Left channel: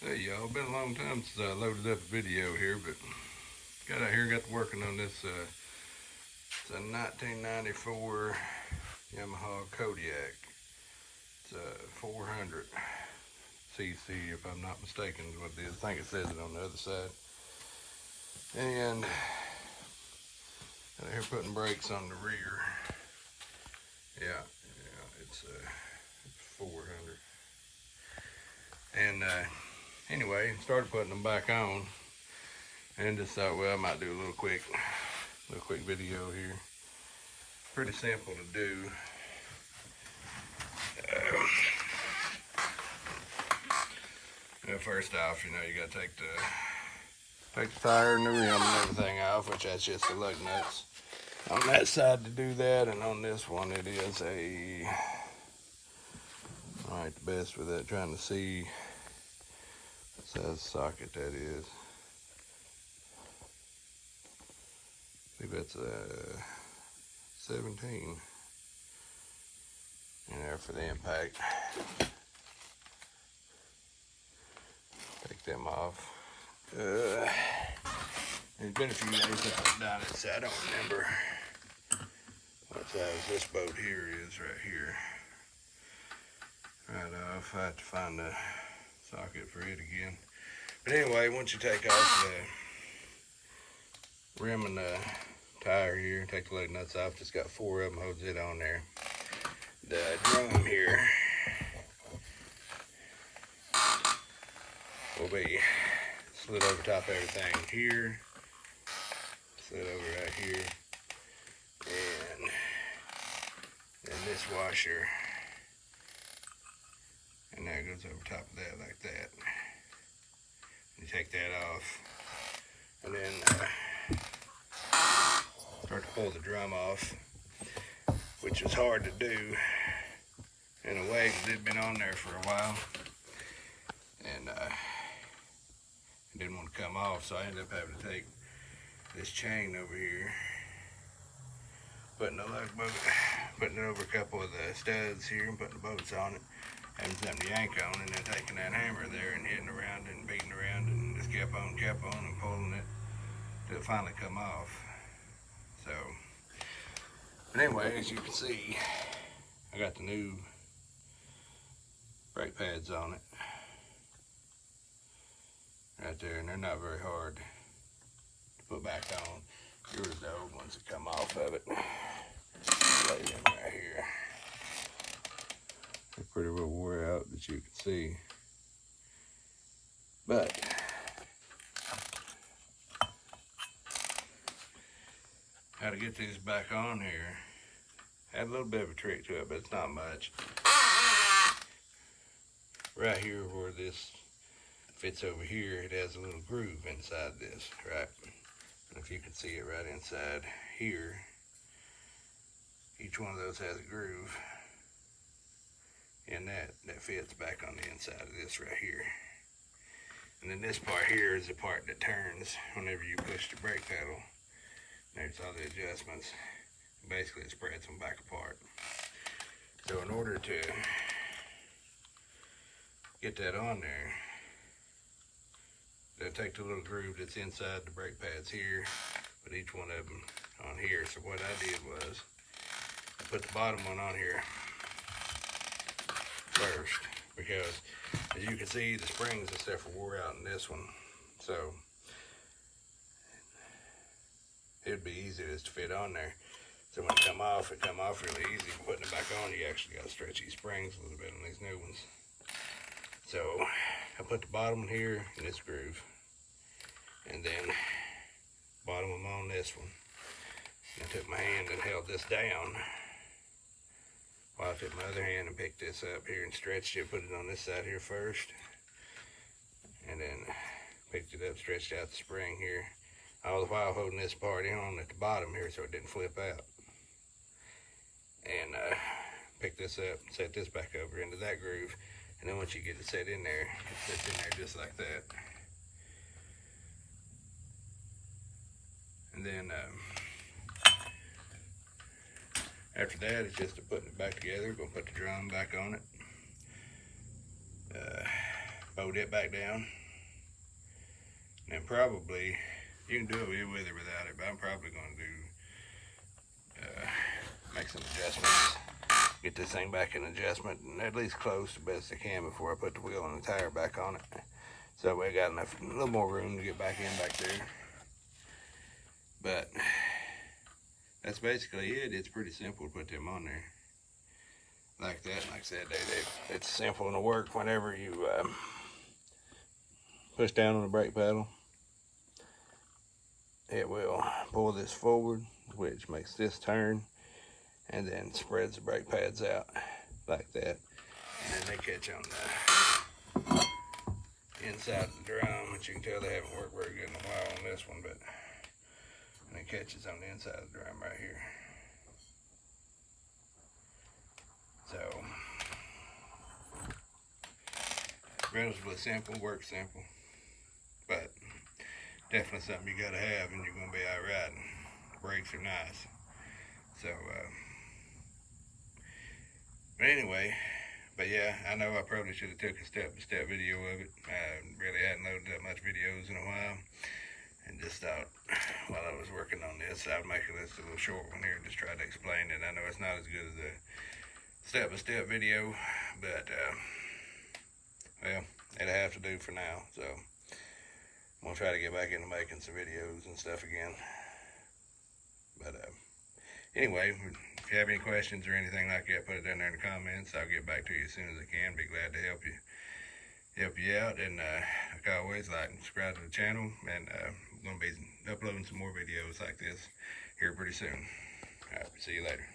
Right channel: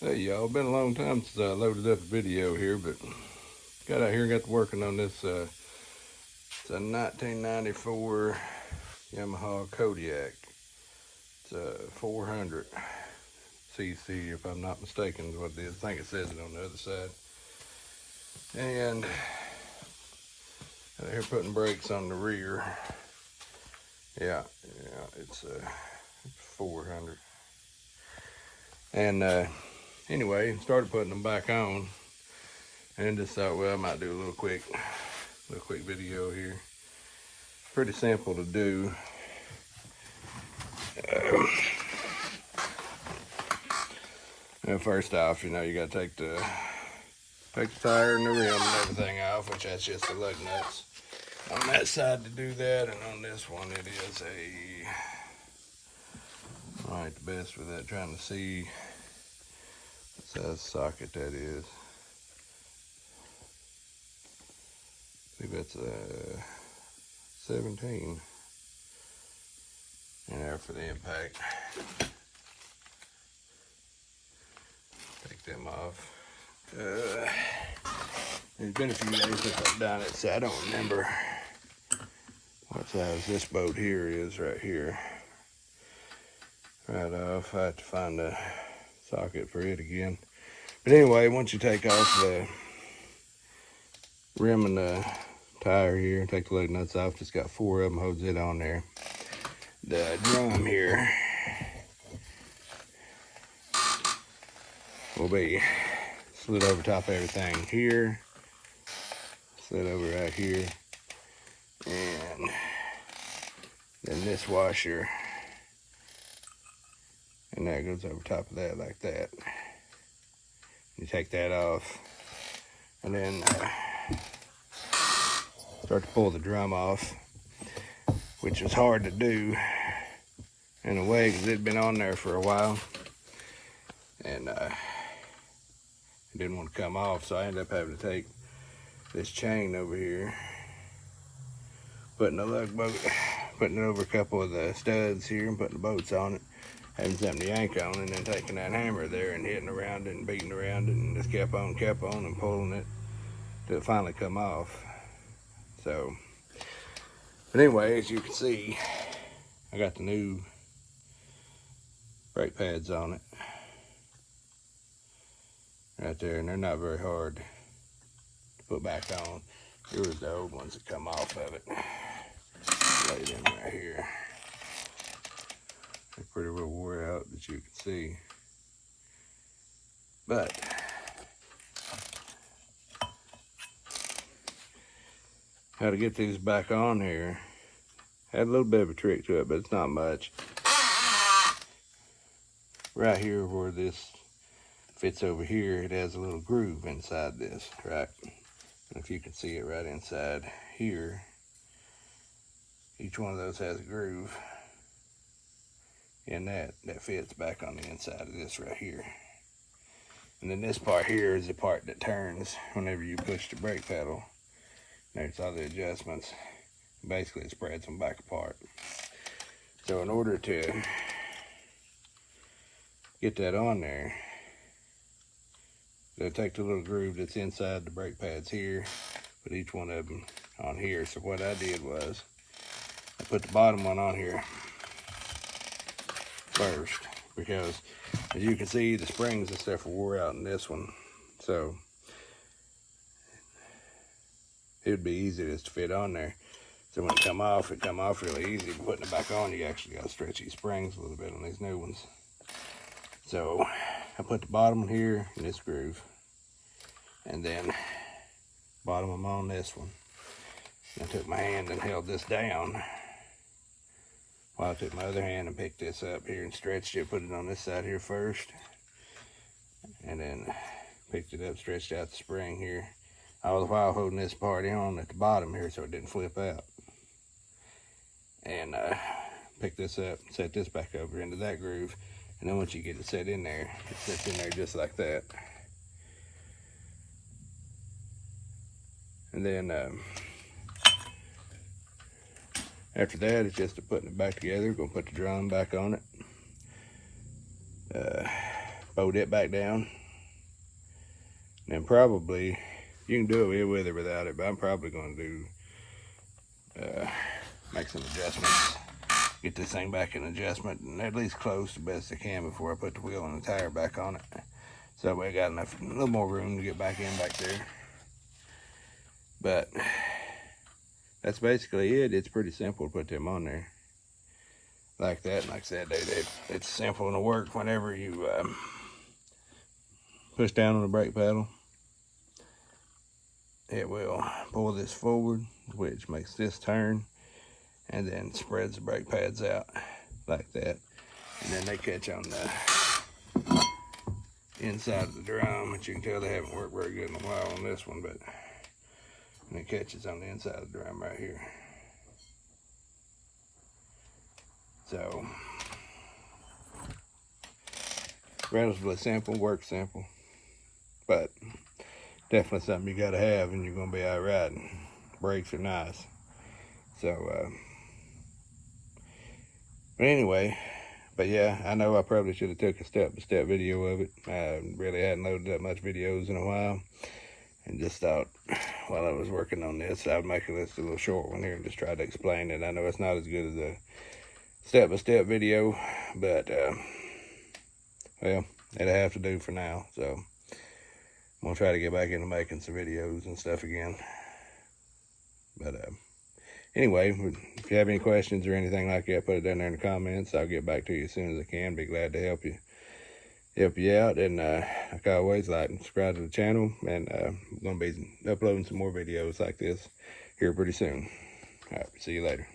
Hey y'all, been a long time since I loaded up a video here, but got out here and got to working on this. It's a 1994 Yamaha Kodiak. It's a 400 cc, if I'm not mistaken, is what it is. I think it says it on the other side. And out here putting brakes on the rear. Yeah, it's a 400. And anyway, started putting them back on, and just thought, well, I might do a little quick video here. Pretty simple to do. First off, you gotta take the tire and the rim and everything off, which that's just the lug nuts on that side to do that, and on this one it is I ain't the best with that, trying to see what size socket that is. I think that's a 17 in there for the impact. Take them off. There's been a few days since I've done it, so I don't remember what size this boat here is right here. Right off, I have to find a socket for it again. But anyway, once you take off the rim and the tire here, take the lug nuts off, it's got 4 of them, holds it on there. The drum here will be slid over top of everything here, slid over right here, and then this washer, and that goes over top of that like that. You take that off, and then start to pull the drum off, which is hard to do in a way because it had been on there for a while, and it didn't want to come off, so I ended up having to take this chain over here, putting it over a couple of the studs here and putting the bolts on it, having something to yank on, and then taking that hammer there and hitting around it and beating around it, and just kept on and pulling it till it finally come off. So, but anyway, as you can see, I got the new brake pads on it right there, and they're not very hard to put back on. Here was the old ones that come off of it. Lay them right here. They're pretty well wore out, that you can see. But how to get these back on here, had a little bit of a trick to it, but it's not much. Right here where this fits over here, it has a little groove inside this, right? If you can see it right inside here, each one of those has a groove, and that fits back on the inside of this right here. And then this part here is the part that turns whenever you push the brake pedal. There's all the adjustments. Basically, it spreads them back apart. So in order to get that on there, they'll take the little groove that's inside the brake pads here, put each one of them on here. So what I did was, I put the bottom one on here first, because as you can see, the springs and stuff wore out in this one. So it'd be easy just to fit on there. So when it come off really easy. Putting it back on, you actually got to stretch these springs a little bit on these new ones. So I put the bottom one here in this groove, and then bottom one on this one. I took my hand and held this down while I took my other hand and picked this up here and stretched it, put it on this side here first, and then picked it up, stretched out the spring here, all the while holding this part on at the bottom here so it didn't flip out. And pick this up, set this back over into that groove, and then once you get it set in there, it sits in there just like that. And then after that, it's just putting it back together. Gonna put the drum back on it. fold it back down. And then probably, you can do it with or without it, but I'm probably going to do, make some adjustments. Get this thing back in adjustment and at least close the best I can before I put the wheel and the tire back on it. So we got enough, a little more room to get back in back there. But that's basically it. It's pretty simple to put them on there like that. And like I said, it's simple to work whenever you push down on the brake pedal. It will pull this forward, which makes this turn, and then spreads the brake pads out like that. And then they catch on the inside of the drum, which you can tell they haven't worked very good in a while on this one, but and it catches on the inside of the drum right here. So, relatively simple, works simple, but definitely something you gotta have and you're gonna be out riding. Brakes are nice. So, but anyway, but yeah, I know I probably should have took a step-by-step video of it. I really hadn't loaded that much videos in a while, and just thought while I was working on this, I'd make this a little short one here and just try to explain it. I know it's not as good as a step-by-step video, but well, it'll have to do for now. So I'm gonna try to get back into making some videos and stuff again. But anyway, if you have any questions or anything like that, put it down there in the comments. I'll get back to you as soon as I can. Be glad to help you out. And like always, like and subscribe to the channel. And I'm gonna be uploading some more videos like this here pretty soon. All right, see you later.